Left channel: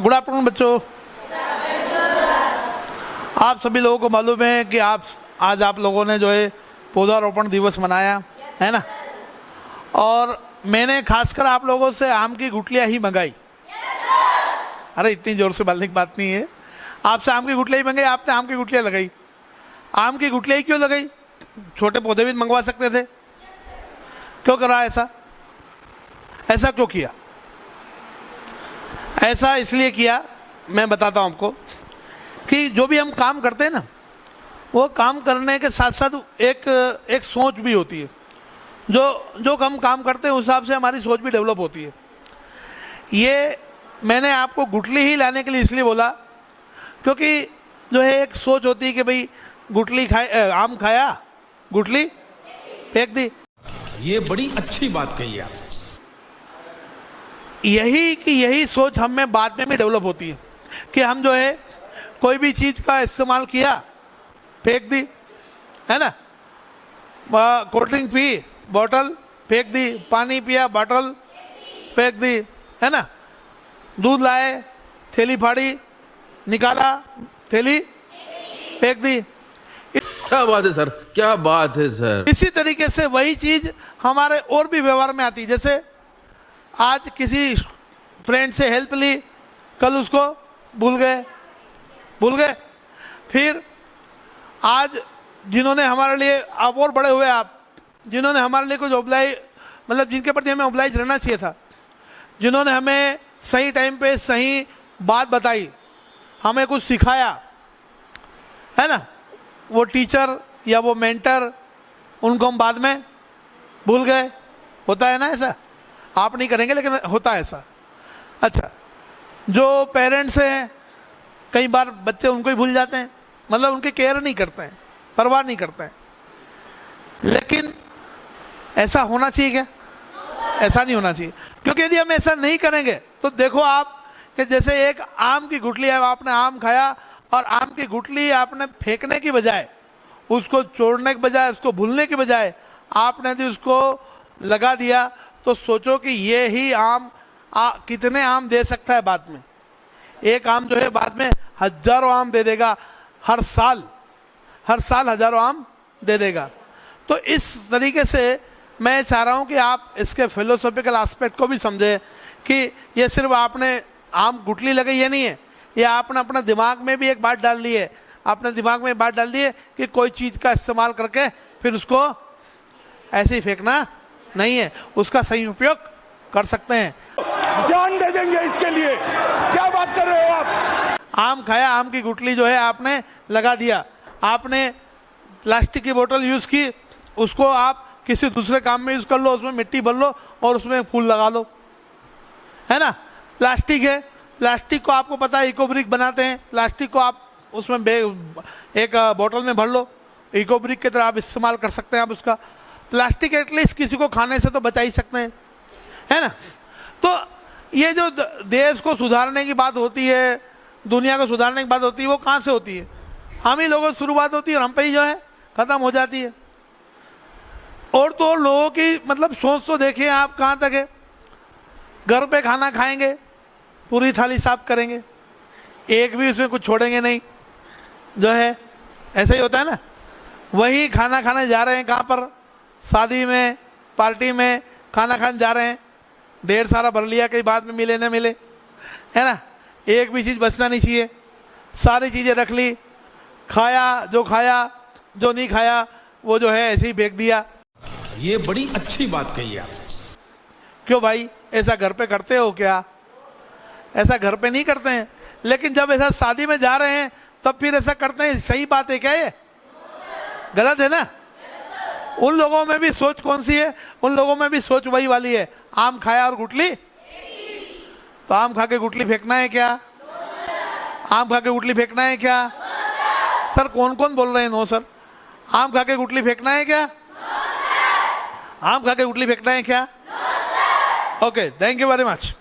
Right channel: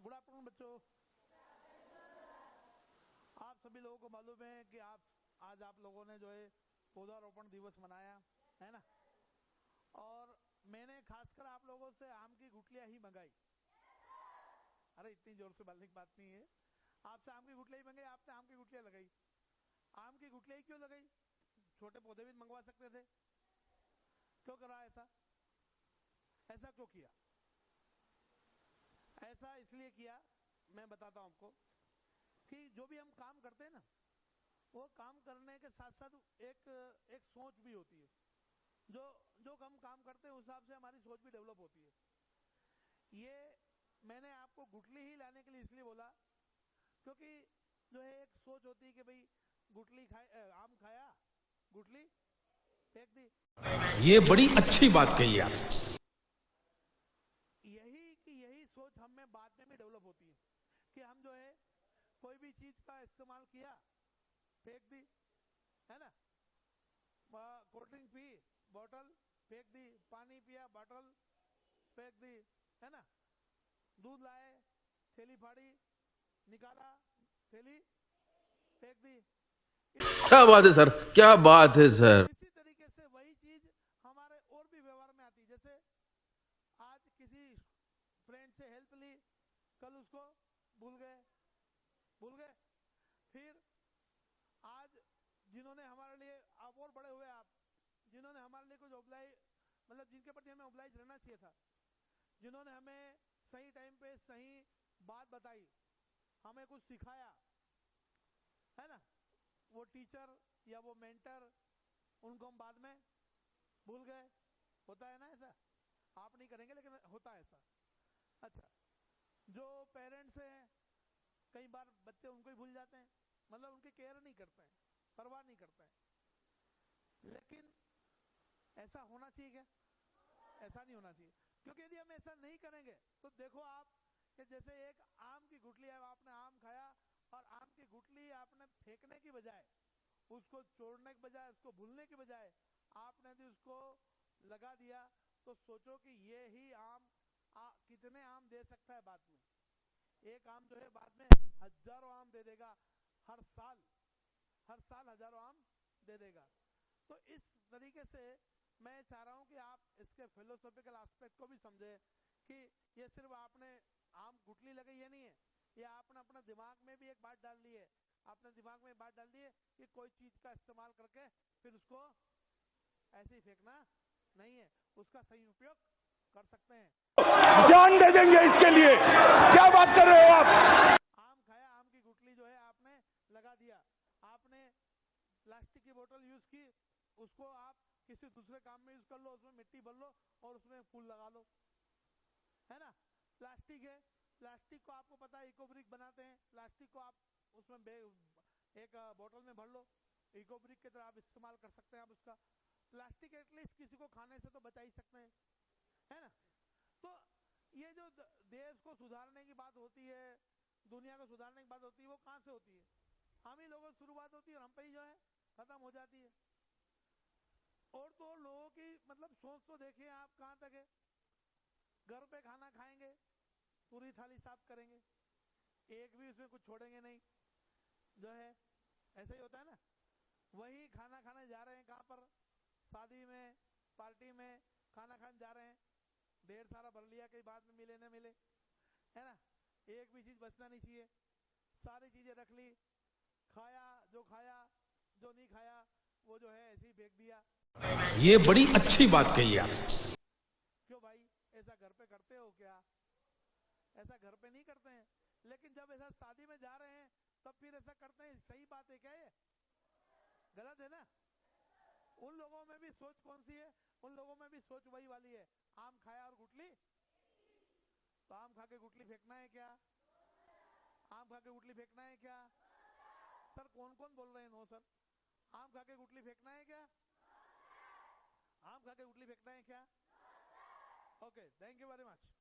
Good afternoon बच्चों। आप सभी लोगों को मालूम है कि आज आप लोगों ने जो है पौधारोपण दिवस मनाया है ना। और मैंने खासकर आप लोगों से आम की गुठलियां ही मंगाई। अरे इतनी जोर से बोलने की बात नहीं है। आपसे आम की गुठलियां ही मंगाई, आपने आम की गुठलियां लगाई। आम की गुठलियां क्यों लगाई? छोटे पौधे भी मंगवा सकते थे। क्यों करा ऐसा? ऐसा क्यों किया? ऐसा इसलिए किया, मैं बताता हूं आपको कि जो भी हम काम करते हैं ना, वो काम करने के साथ साथ एक सोच भी होती है। जो हम काम करते हैं उस हिसाब से हमारी सोच भी डेवलप होती है। ये मैंने आपको गुठली ही लाने के लिए इसलिए बोला क्योंकि जो है एक सोच होती है कि भाई गुठली आम खाया, गुठली फेंक दी। ये बड़ी अच्छी बात कही आप। यही सोच हम में बाद में भी डेवलप होती है कि हम जो है कोई भी चीज़ का इस्तेमाल किया, फेंक दी, है ना। कोल्ड ड्रिंक पी, बोतल फेंक दी, पानी पिया, बोतल फेंक दी, है ना। दूध लाए, थैली फाड़ी, निकाला, थैली फेंक दी। क्या बात है सर, क्या बात है सर। इसी तरीके से वही चीज हमारे और भी व्यवहार में आती है। जैसे आज किसी फ्रेंड से हेल्प ली, कल उसको भूल गए। फिर आज जिन्होंने हमारे लिए, आप और बड़े हुए, आप जिन्होंने हमारे लिए कुछ ऑब्लाइज, मतलब जिनके प्रति हमें ऑब्लाइज रहना चाहिए था, जिन्होंने हमें सही टाइम पे सही बात बताई, हमें कुछ सिखाया, है ना, वो टीचर या वो मेंटर, उनको हम बाद में भूल गए। होता है ना ऐसा? आप नहीं करेंगे लेकिन होता है ऐसा। अच्छा, जो पेरेंट्स हैं, कई बार बच्चे उनको ही भूल जाते हैं, मतलब उनकी केयर नहीं करते हैं, परवाह नहीं करते हैं। लेकिन ऐसा होना चाहिए क्या? ऐसा नहीं होना चाहिए, क्योंकि यदि हम ऐसा नहीं करेंगे तो देखो आप कि जैसे एक आम की गुठली है, आपने आम खाया और आम की गुठली आपने फेंकने की बजाय, उसको छोड़ने के बजाय, उसको भूलने के बजाय आपने यदि उसको लगा दिया, तो सोचो कि ये ही आम कितने आम दे सकता है बाद में। एक आम जो है बाद में हजारों आम दे देगा। हर साल हजारों आम दे देगा। तो इस तरीके से मैं चाह रहा हूं कि आप इसके फिलोसॉफिकल एस्पेक्ट को भी समझें कि ये सिर्फ आपने आम गुठली लगाई ये नहीं है, ये आपने अपना दिमाग में भी एक बात डाल दी है। आपने दिमाग में बात डाल दी है कि कोई चीज़ का इस्तेमाल करके फिर उसको ऐसे ही फेंकना नहीं है, उसका सही उपयोग कर सकते हैं। जान दे देंगे इसके लिए। क्या बात कर रहे हो आप? आम खाया, आम की गुठली जो है आपने लगा दिया। आपने प्लास्टिक की बोतल यूज़ की, उसको आप किसी दूसरे काम में यूज़ कर लो, उसमें मिट्टी भर लो और उसमें फूल लगा लो, है ना। प्लास्टिक है, प्लास्टिक को आपको पता है इको ब्रिक बनाते हैं। प्लास्टिक को आप उसमें एक बोतल में भर लो, इको ब्रिक की तरह आप इस्तेमाल कर सकते हैं। आप उसका प्लास्टिक एटलीस्ट किसी को खाने से तो बचा ही सकते हैं, है ना। तो ये जो देश को सुधारने की बात होती है, दुनिया को सुधारने की बात होती है, वो कहाँ से होती है? हम ही लोगों से शुरुआत होती है और हम पे ही जो है ख़त्म हो जाती है। और तो और लोगों की मतलब सोच तो देखिए आप कहाँ तक है। घर पे खाना खाएंगे, पूरी थाली साफ करेंगे, एक भी उसमें कुछ छोड़ेंगे नहीं, जो है ऐसा ही होता है ना। वही खाना खाने जा रहे हैं, कहाँ पर? शादी में, पार्टी में खाना खाने जा रहे हैं, ढेर सारा भर लिया, कहीं बाद में मिले न मिले, है ना। एक भी चीज़ बचना नहीं चाहिए, सारी चीज़ें रख ली, खाया, जो नहीं खाया वो जो है ऐसे ही फेंक दिया। ये बड़ी अच्छी बात कही आप। क्यों भाई, ऐसा घर पे करते हो क्या? ऐसा घर पे नहीं करते हैं, लेकिन जब ऐसा शादी में जा रहे हैं तब फिर ऐसा करते हैं। सही बात है क्या ये? गलत है ना। उन लोगों में भी सोच कौन सी है? उन लोगों में भी सोच वही वाली है, आम खाया और गुठली। तो आम खा के गुठली फेंकना है क्या? आम खा के गुठली फेंकना है क्या? सर कौन कौन बोल रहे हैं नो सर? आम खा के गुठली फेंकना है क्या? आम खा के गुठली फेंकना है क्या? Okay, thank you very much.